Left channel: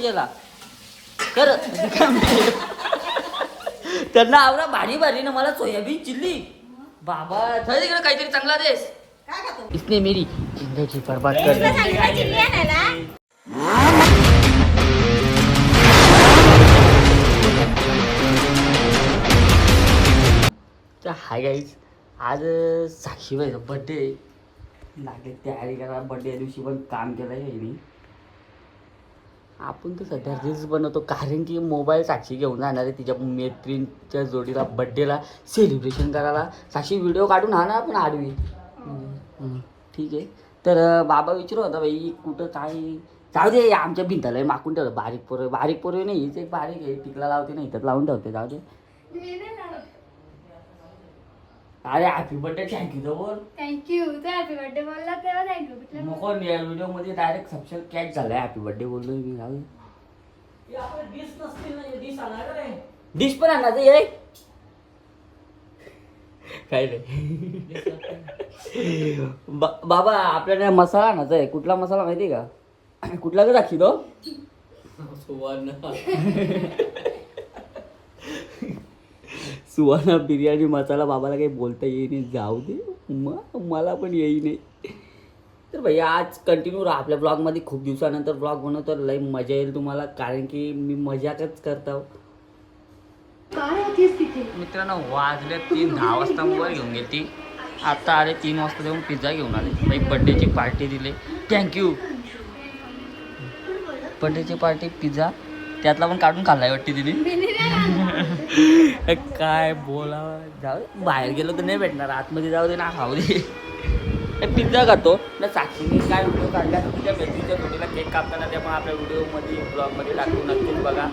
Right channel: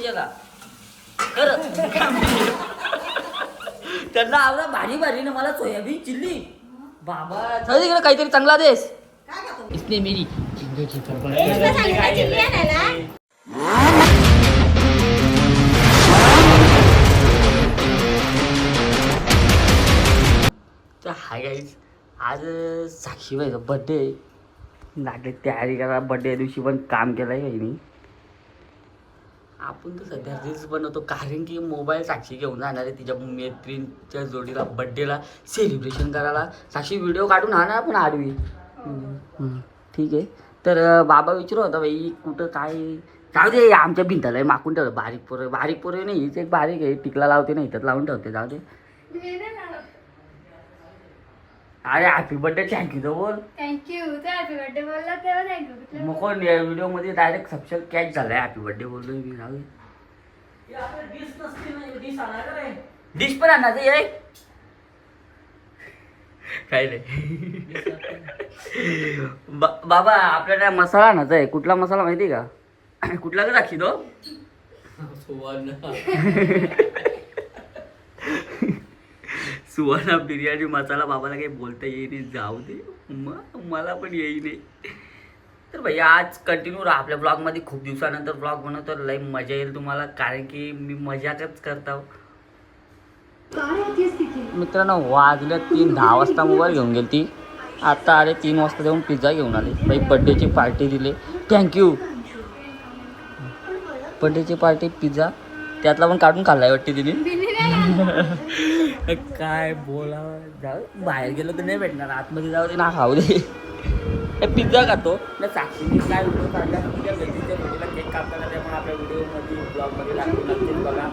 कर त्यांना आवडा भारी भारी ना मला सोयाबीन चिल्ली. बाबा चल तिकडे काहीतरी चांगला देस. इसने मेरी जिंदगी बर्बाद कर तर हाय गाईज आज साक्षीबाईचा बड्डे लागले तयारी करा बड्डे दिवशी पण काम केलं आहे मी आपण तर सध्या रील्स बनवतो कारण की मोबाईल साक्षी घेऊन जाणार आहे तिच्या मैत्रिणीच्या जोडीला बड्डेला सेलिब्रेशन करायला. साक्षी व्हिडिओ काढून हा ना आपण आडवी. ठीक आहे. तर बाबा विचारू होता बाई कुठं काय? जाऊ दे आमच्या भिंताला हे माकून ठेवलं. बारीक पोरं बारीक पोरं नाही हीच एक बारीक आहे टिकला लावते नाही इथं लावून ठेवते जाऊ दे. अरे हॅपी बर्थडे थँक्यू तर बोल थँक्यू तर हॅपी बर्थडे बोलला तेव्हा थँक्यू मग कोण या व्हिडिओमध्ये डायरेक्ट सबस्क्राईब कॅच झालाय हॅपी बर्थडे बोललोय मी डिश पण आणणार ये काय नाही. बा- बाबा आपल्याला मसाला आणायचा आहे. कुठला मसाला माहिती आहे का? कुठला का दाखी तो? सुवर्ण बिर्याणी मसाला बाबाला काही बोलता येईल जाऊ दे. मग मला पण येई नाही तर भैया आज कंटिन्यू राहा आपल्या ब्लॉगमध्ये खूप दिवसानंतर ब्लॉग बनवतो. लई मजा येईल तुम्हाला. कारण की मी मजाकच करतो मित्रांनो वाजले तीन दहा वाजता मोबाईल घेऊन गेली ती आता आले तीन वाजता जाऊन पिझ्झा घेऊन आले. बाई बड्डेची पार्टी दिले. थँक्यू बड्डेची पार्टी पिझ्झा त्यातला पण काढून खाल्लाय वाटते तिने. काय बोला जाऊ. बाहेर गेलो तर नाही भेटणार. आतमध्ये जाऊ दे ना खाऊ दे. हे पिझ्झा खातो. ना साक्षीने काय व्हिडिओ काढला? तुझ्या व्यक्तीच्या व्हिडिओला केक कापताना ते पण आपल्या व्हिडिओमध्ये ब्लॉगमध्ये लागतो नक्कीच बघा.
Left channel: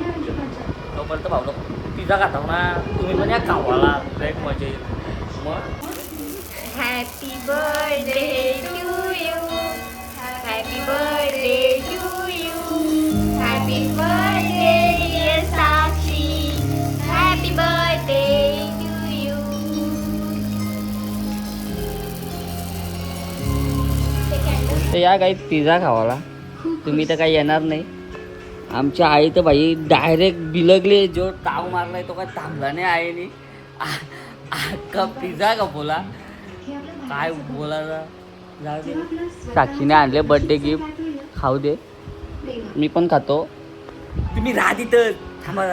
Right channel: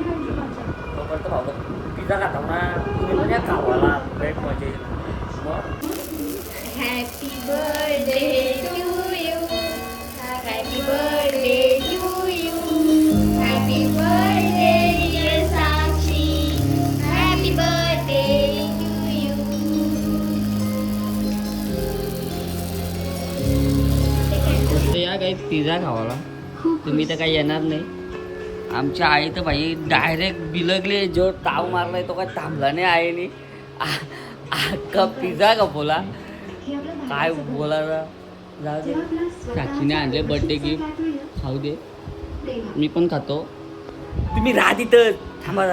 तोपर्यंत भाऊ पिझ्झा खाता ना. तुम्ही पण या खावाला. लय मजा येईल. मग? Happy birthday to you happy birthday तर या काही पिझ्झा खावाला. तुम्ही तर काही येणार नाही. आमच्या आई तर भाई डायरेक्ट बिलगले जो ताव मारलाय तो काय थांबला नाही आईने. अख्खा पिझ्झा का बोला काय बोला साक्षीने आणले बर्थडे गिफ्ट खाऊ दे. मी पण खातो. तुम्ही राहा तिथं. थांबा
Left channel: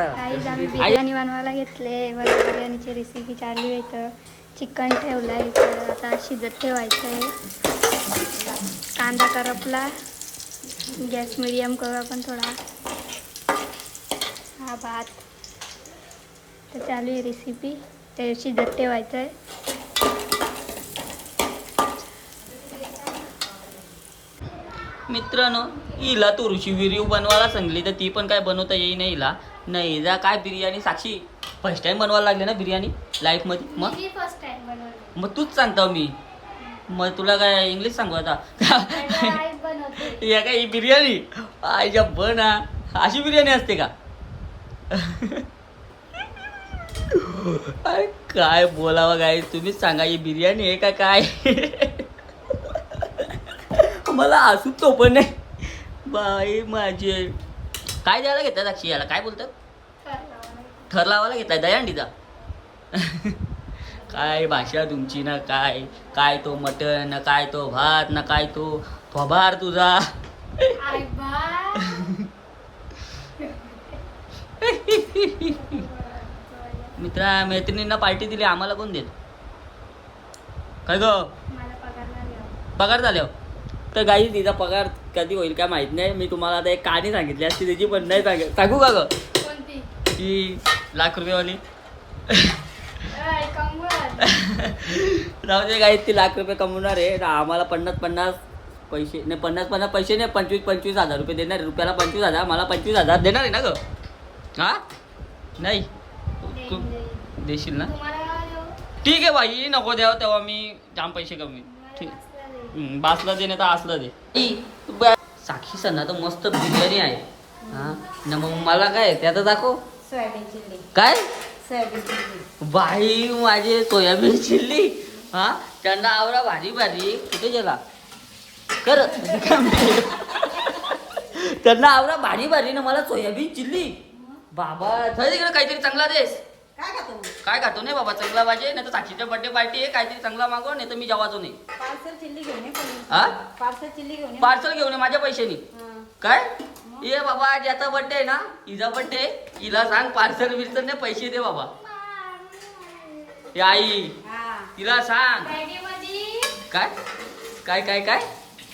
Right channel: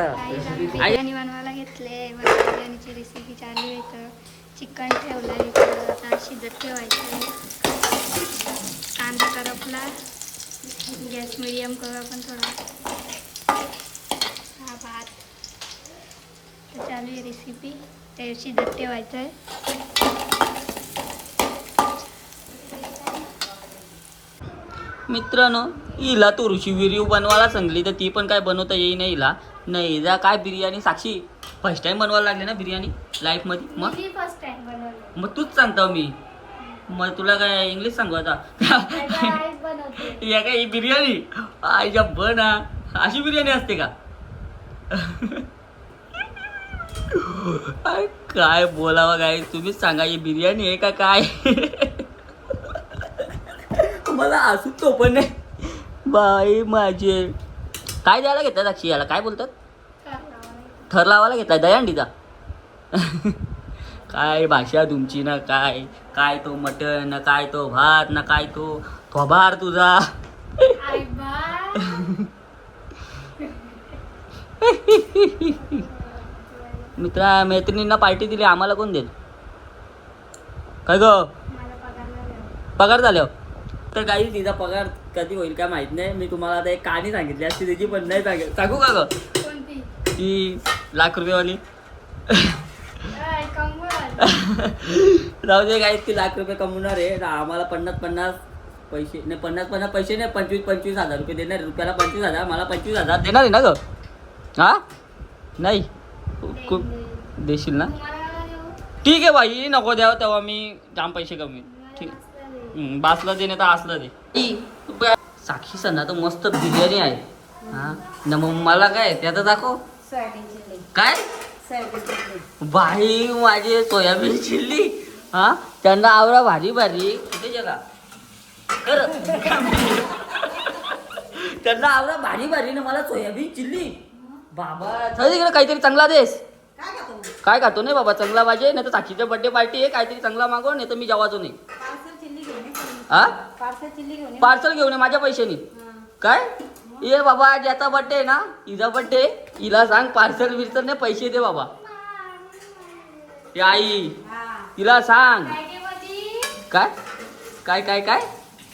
बिर्याणी बनवायला घेतले. बिर्याणीची रेसिपी चालू आहे इथं. चिकन ठेवलं आहे इथं. आता शिजत ठेवायचं आहे कांदा करपला. गॅस मिडियम करू आपण थोडा. हा भात. तर चालू आहे रेसिपी ते शिजत ठेवायचं आहे मित्रांनो हिला तुळशी व्हिडिओ बनवायला सांगली तर ती पण काय बनवता येई नाही हिला नाही जा काय बिर्याणी? साक्षी फर्स्ट टाइम बनवायला लागले ना बिर्याणी? लाईफमध्ये मग? फर्स्ट टाइम बनवलं. मग तूच सांगतो मी. मग तुला काय इंग्लिश सांगू आता? या काय ही बिर्याणी? आईच्या बना अशी बिर्याणी असते का? अरे काय बोलावं काय तुम्हीच सांगा ही बिर्याणी आहे का काय? मला असू तो पण नाही. बाई माझे. काय द्यायला घेतात अक्षी याला? काय बोलतात? थर लावायला घेताय दयांडीचा काय भाषा तुमची ना काय? काय तो मटण ना काय तो भात ना काय तो थोबार तुझा? मित्रा मैत्रिणींना पार्टी दिली आम्हाला कोण देत? काय ग? पगार झाल्यावर तर काही तिचा पगार कधी होईल काय माहीत नाही. मी तुम्हाला आता एक कहाणी सांगितली असती त्याची पण नाही सांगेल सांगू का ग? ती लाख रुपयेवाली. जाऊ दे काही ती लाख रुपये कमवणार आहे. ना आम्हाला पन्नास पन्नास पैसे नाही पन्नास पन्नास पैसे नाही पंचवीस पंचवीस हजार रुपये देणार. रुपयाला पंचवीस हजार मला पंचवीस हजार. देणार आहे ना ग? हा? नाही. खूप देशील ना? ठीक आहे बाई नको द्यावं तेव्हा मी जाम पैसे कमी ठीक. बासला दे नाही तर असलं दे. साक्षी सणा तर मस्त बिर्याणी आहे. हा? न मग मला काय त्याचं दाखव. काय? बाई माझे सोयाबीन चिल्ली हा? त्यांना आवडा भारी भारी. कुठे गेला? कर. त्यांना आवडा भारी भारी ना मला सोयाबीन चिल्ली बाबा तिकडे काहीतरी चांगला देस. काय खातो नाही बाबा चांगला पाहिजे नाही तर साक्षीच्या बर्थडे पार्टी आहे काहीतरी चांगला मागव नाही तर मी जेवायचो नाही. पार्सल चिल्ली घेऊन ये हा? पार्सल चिल्ली घेऊन पार्सल घेऊन माझ्या पैशानी. काय? ये बाबा ज्याचा आहे ना? हिचा बर्थडे हिला सांग पार्सल बिर्सल नाही पैसे दे बाबा. हे आई. तिला सांग. काय? काय काय काय?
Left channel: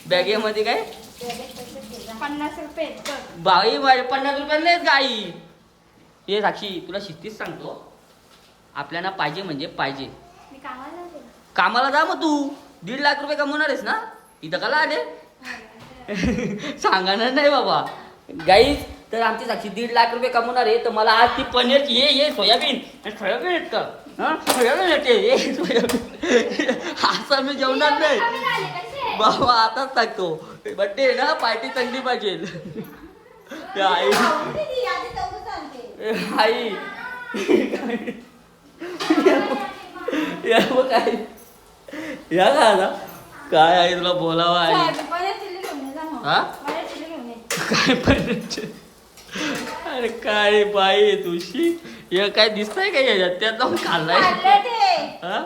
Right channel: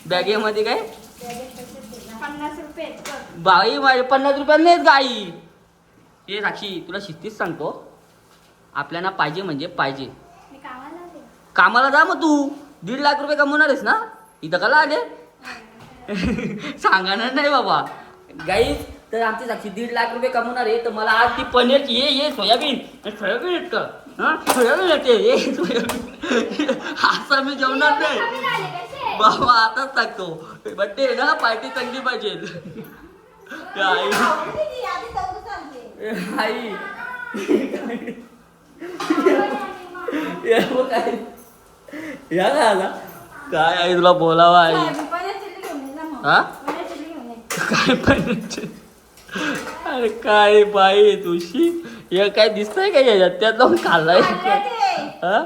बॅगेमध्ये काय? पन्नास रुपये. बाई माझे पन्नास रुपयाला नाहीत गाई. हे साक्षी तुला शिस्तीच सांगतो. आपल्याला पाहिजे म्हणजे पाहिजे. कामाला जा मग तू. दीड लाख रुपये कमवणार आहेस ना? इथं कला आले? सांगणार नाही बाबा. गाईच तर आमची साक्षी दीड लाख रुपये कमवणार आहे तर मला आज ती पनीर ये ये सोयाबीन. हे सोयाबीन आहेत का? हा? सोयाबीन येते हे सोयाबीन. असं मी जेवणार नाही? बाबा आताच सांगतो. बड्डे ना पार्टी चांगली पाहिजे. आई. आई. काय या का आता. काय आई तुला बोलावा आई. हा पनीर चिल्ली घेऊन ये. काय पण अरे काय बाई तुझी? हे काय दिसतंय का याच्यात? त्यात जाऊन खाल्लाय. हा.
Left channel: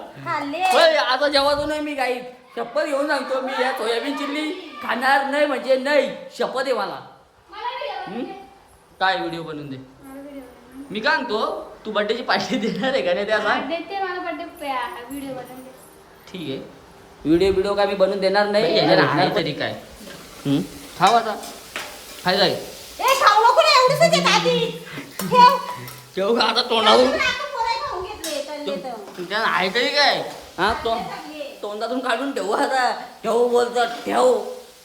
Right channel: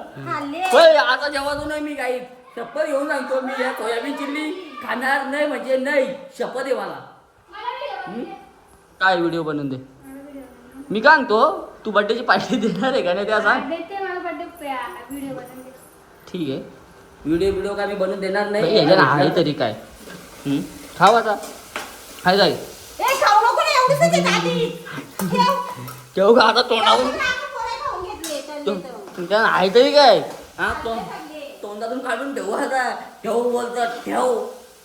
होय आता जेव्हा नाही मी काही. शपथ घेऊन सांगतो मी या सोयाबीन चिल्ली खाणार नाही म्हणजे नाही. शपथ आहे मला? काय व्हिडिओ बनवून दे. मी काय सांगतो तू बड्डेची पार्टी देणार आहे का नाही त्या सांग. देते मला बर्थडे व्हिडिओ बनवून दे. ठीक आहे. व्हिडिओ व्हिडिओ काय मी बनवून देणार नाही. आहे तरी काय. हम्म? खाव आता. खाय जाईल ए, खाऊ नको ना, एवढीच आहे आधी. ठेव. ठेव का आता तोंडातून. तुमच्या आहे तरी काय? हा तो तोंडातून काढून ठेवू आता. ठेवू बोलतात ठेव.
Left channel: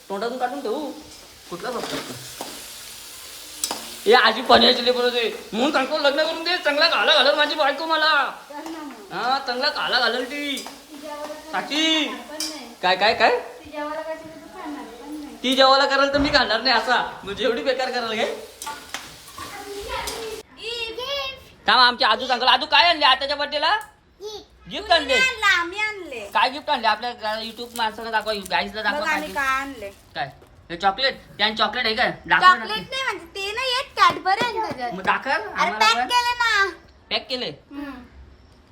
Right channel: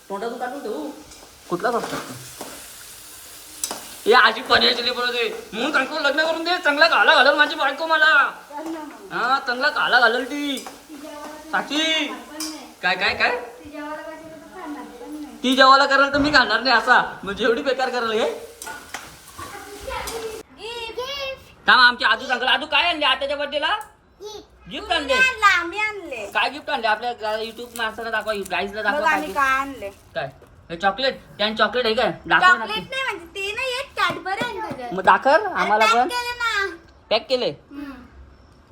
तोंडातून काढून ठेवू. कुठलाच असतात हे आजी पनीर चिल्ली बनवते म्हणून सांगतो लग्न करून दे. चांगला काला घालल माझी बायको मला. हा चांगला काला घालल ती. नाही. काय काय काय? ती जेवायला कराल तर मी खाणार नाही असा. म्हणजे एवढी बेकार कराल काय थांब आमची आजू सांगल आजू काय आणले आताच्या बर्थडेला गिफ्ट आणले आम्ही आणले. काय गिफ्ट आणले? आपल्या युट्यूब माणसाला दाखवा गाईजला दाखवा काय आम्ही gift? काय आणले. काय? हे चॉकलेट त्यान चॉकलेट आहे काय? दाखव ना चॉकलेट नाही म्हणजे ते नाही येत कॅडबरी आहे त्याच्यात मग दाखव अरे आम्हाला पॅक पण. केलं ना. पॅक केले?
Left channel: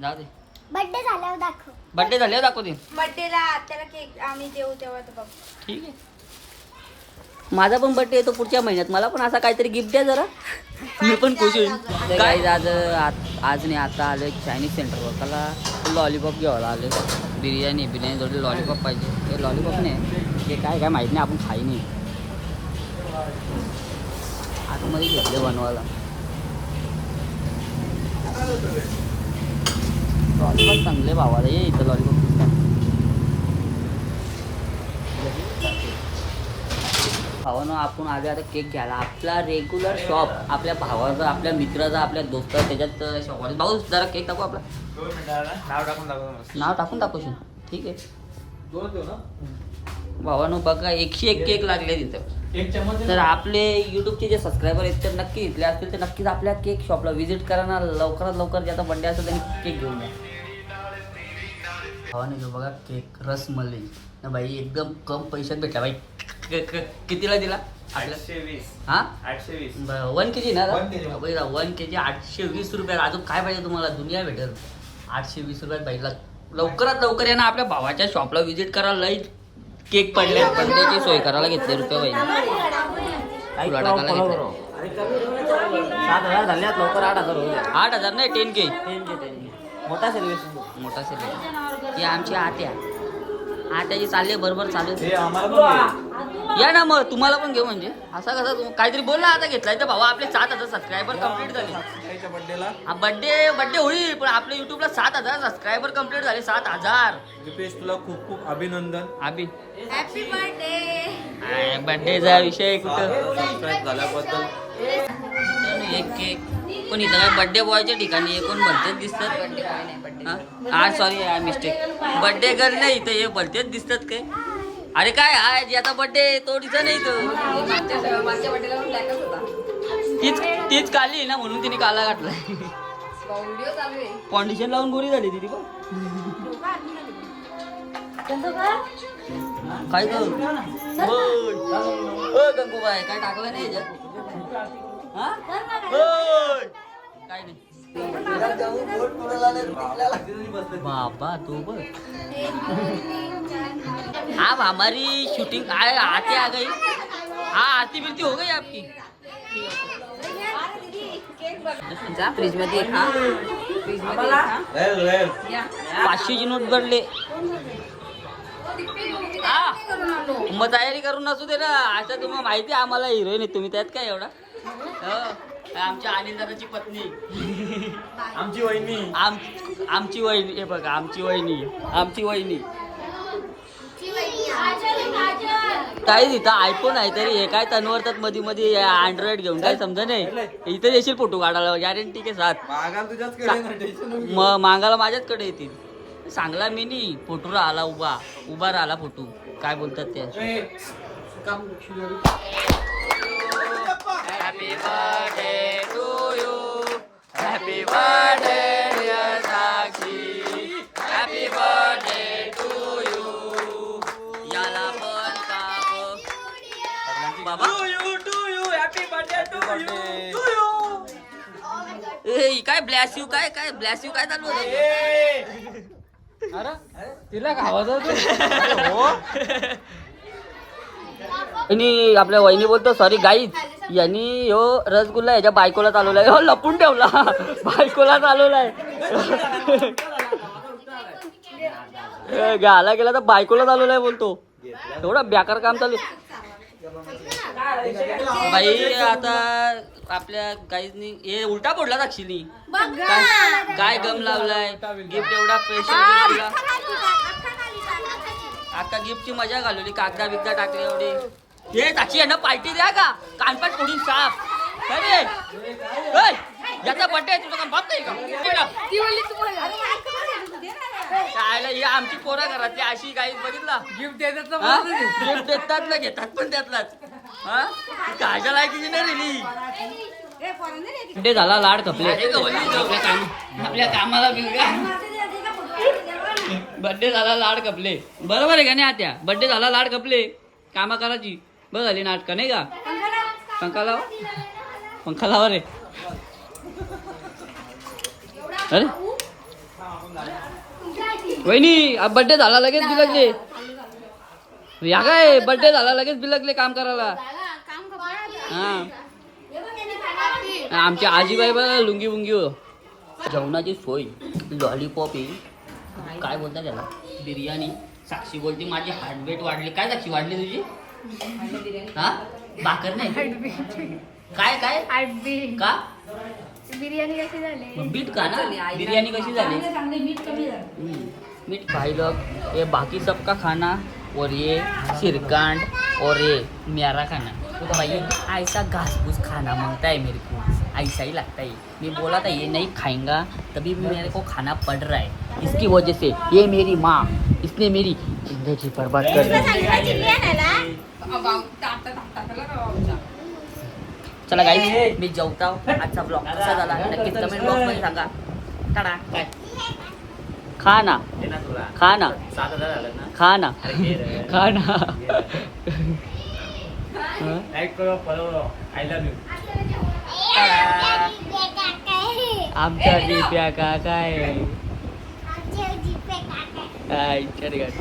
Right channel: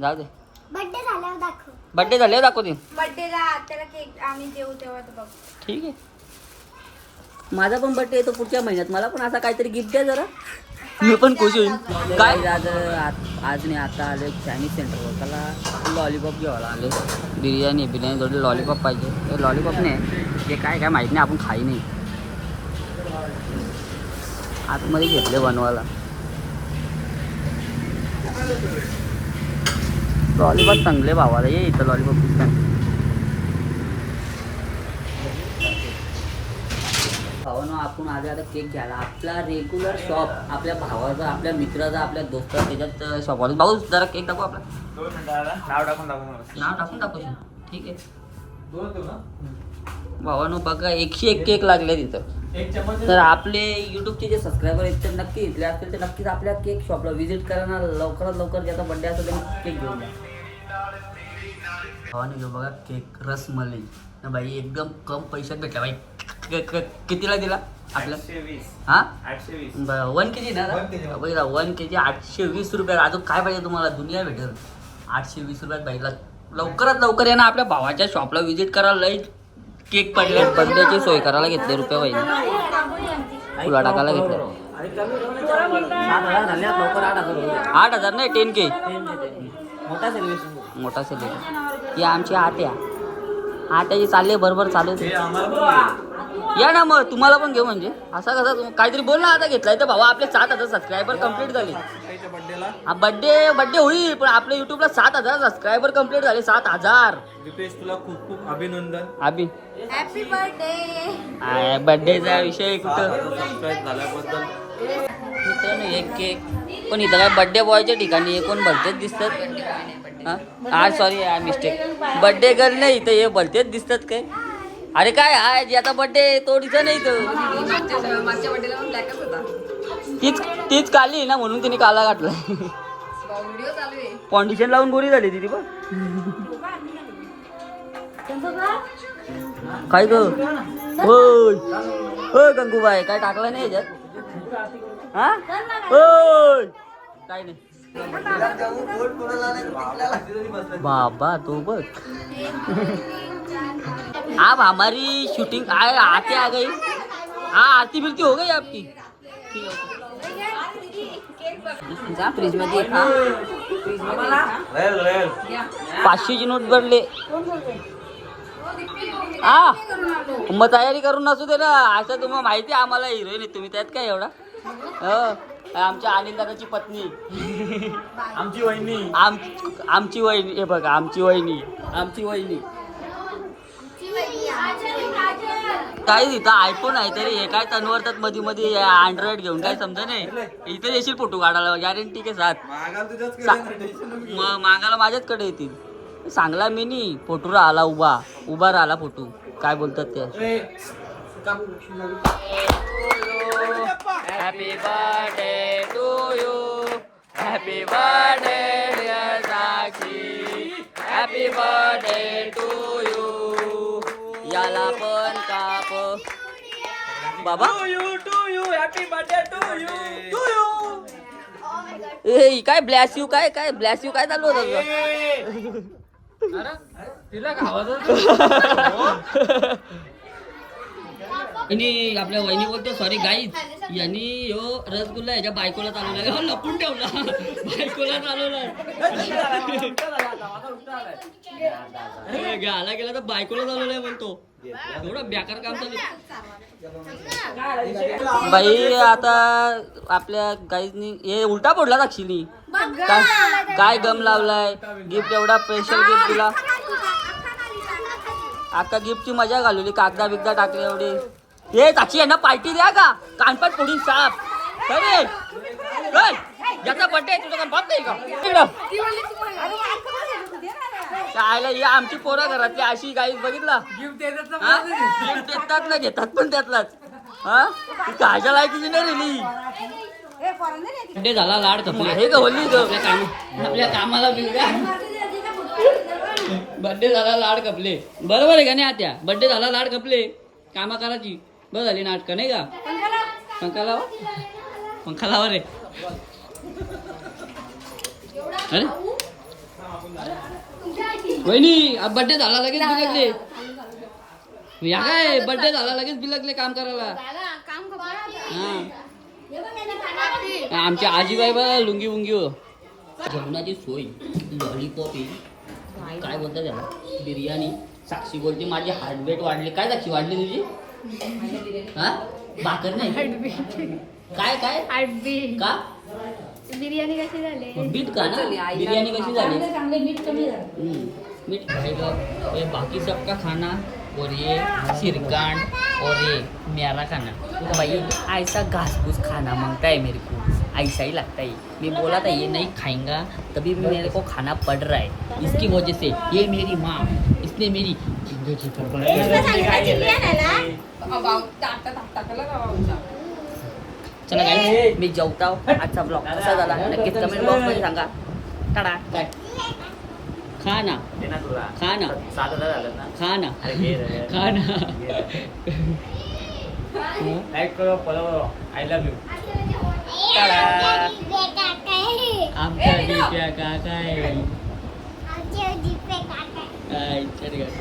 जाऊ दे. बर्थडे झाल्यावर दाखव. बर्थडे झाले दाखव दे बर्थडेला त्याला केक आम्ही जेऊ तेव्हा तर बघ. ठीक आहे. माझा पण बर्थडे येतो पुढच्या महिन्यात. मला पण असा काहीतरी गिफ्ट द्या जरा. मी पण खुश होईल काय? आज आज- नाही आता आले चायनीज सेंटरवर त्याला लॉलीपॉप घ्यावं आले बिर्याणी बिर्याणी जोडे लॉलीपॉप पाहिजे. लॉलीपॉप नाही. हे काय काय माहिती नाही आपण खाई नाही. आतमध्ये घेतले बनवायला. लॉलीपॉप चांगले भावाला. ये इथं लॉलीपॉप भावानं आपण आले आता केक घ्यायला. आपला रेग्युलर शॉप आपल्या भावाचा आपल्या मित्राचा आपल्या दोस्ता त्याच्यात शॉप भाऊ जरा केक टाकू आपला. दोन मिनिटाला नाव टाकून दाखव मला. नाव टाकून टाकूशी ठीक आहे. दोन भावानं बघा एकशे एक केक लागले तिथं. एक चम्मच तर आपले युट्यूबचे जे सबस्क्रायबर आहेत ते नक्की इथले असतील तर नक्कीच आपल्या केक शॉपला व्हिजिट करा ना. लवकरात लवकर ज्याचा बड्डे असेल त्यांनी केक घेऊन जा भावाने जो बघा केक रसमलाई. ना बाई एकदम कम पैशात भेटला. क- क- कितीला दिला आपल्या आठशे वीस. हा? आठशे वीस. वन के जी ना kg. बघा वन के जी आठशे वीस रुपयात अजून काय पाहिजे तुम्हाला? दुनिया भेटेल. आठशे वीस रुपयात पाहिजे लवकरात लवकर या ना आपल्या भावाच्या शॉपला व्हिजिट करा. लई केक पडले बर्थडेची सोय करायला घेतले रुपये पाहिजे तुला टाकायला घेतले. सात हजार लवकर आठ हजार होऊ द्या आठ हजार नाही टेन के मोठा सर्व्हिस मोठा सेलिब्रेट ही आमची आत्या. आत्याची चालले बरोबर चालू हे या ना मग तुम्हाला पण घेऊ म्हणजे. असा कसा काहीतरी बोल ना आता घेतलाय तर भावा आपले सात हजार सबस्क्रायबर कंप्लीट झाले. हा बड्डे बड्डे होईल पण आपल्या युट्यूबला सात हजार सबस्क्रायबर कंप्लीट झाले सात हजार. दीपेश तुला खूप खूप अभिनंदन. अभि. हॅपी बर्थडे बड्डेचा विषय कुठं? सबस्क्राईब झाल्याबद्दल. मित्रांनो एक केक पण इथं काय बड्डे बॉयच्या ठिकाणी हे कोण भलतेच दिसतात. हा? हा sorry I mistake birthday girl नाही तर हे भलतेच दिसतात काय? अरे काय हाय जी आता बड्डे तो तिथं नाही तो तीच तीच काली ना म्हणून तिने काला घातलाय. फाउंडेशन लावून गोरी झाली ती पण काय ग? गंगूबाई काय टाकलं नाही याच्यात हा? काय नाही. बाबा तो बघ. आप हमारी शूटिंग आए आते आ गई. हाँ आरती बिरती हो गई आपकी. पाचशेचे फ्रीजमध्ये पाचशेची नोट घडले हा मग तयारी करून नसू दे ना. आता तुम्हाला माहिती आहे आम्हाला हिरोईन आहे. तुम्ही त्यात काय एवढा? हो. आमच्या अनिल दादाची पत्नी. आमची वहिनी. आम आमची वहिनी. हे बघा आमची वहिनी. आमची वहिनी. काही इथं आयफोन आहे तरी हे काय तनवरतात मध्ये मध्ये अँड्रॉइड घेऊन काय समजा नाही? इथं येशील फोटो काढायला गॅरंटी के साथ. मग मागायला माझ्याचकडे येतील. सांगला मी नी फोटो राहिला उभा. उभा राहिला फोटो. काय बोलतात ते? Happy birthday to you happy birthday Sakshi happy birthday to you याला पण काप. बाबा. ए काय ब्लॅस यू काय काय ब्लॅस यू काय चालू होतं तिला खावा आणि आपल्या वहिनी बोलतो सॉरी गाईज यांनी ह्यो रसगुल्ला याच्या बायकोला चालवलाय. हो लपून ठेवला. बायकोला चालवलाय. घ्यायला गेला तर बायकोला चालवलाय बोलतो एवढं बेकार काम चालू बाई आता आपल्या गाईजनी हे उलटा पडला दाक्षिणी काय? काय गम लावलाय? गिफ्ट एवढा स्पेशल गिफ्ट दिला आता गिफ्टची मजा घालवली कागदा बिगदा टाकली एवढी. हे साक्षी यांना पार्टी द्या का? कानपाट फोडून साप अरे याचा बड्डे तुझा नाही का? इकडं. काय ही आमची पोरं घरातली अशी काही बघितला. गिफ्ट देतात? गिफ्ट देतात ना घेतात पण त्यातलाच. हा? ती कायच्या लायकीची नाही रेली बड्डे झाला लाड कपले हे का होली तो? आपल्या काम आपल्या कामाला बिलगा बड्डे झाला लाड कपले बरोबर आहे का नाही आत्या? बड्डे झाला लाड कपले कामा करायची बघ झाली नाटक नाही का? पंखा लाव. पंखा लावा रे. अरे. वहिनी अब बड्डे झाला लगेच बिलगले. या काय बड्डे झाला लगेच बिलगले काम करायला. हा. आमच्या आजीबाई बघा लुंगी बुंगी हो. जेवणाची सोय लॉलीपॉप येईल काय बोलता त्याला? बिर्याणी. साक्षी बोलते माझी हार्टबीट वाढली. काय साक्षी वाढली तुझी? हा? भाकर नाही? काय काय? आडबी का? बिर्याणी कशी झाली? बीट का ना? बिर्याणी कशी झाली? हम्म, मीठ खाइलो ये बाकी सबका खाना और ये सिरकांड और ये मेरा खाना. तो भाई ऐसा घास फूस खाना मांगता है मेरे को. ऐसा ही लगता है. मैं बोला था ये नहीं खाएंगा तभी भी मेरे को खाना पड़ रहा है. इसकी वजह से ये मेरी माँ इसने मेरी ज़िंदगी बर्बाद कर दी। चला मी जेवता आजचा ब्लॉग कसा झाला नक्कीच कमेंट बॉक्स मध्ये सांगा। टाळा काय खा ना खा ना। खा ना खा ना हं? लाईक करो फॉलो आय लव्ह यू टाळा. आमच्या दिप्या काका आहे आय, चल ग.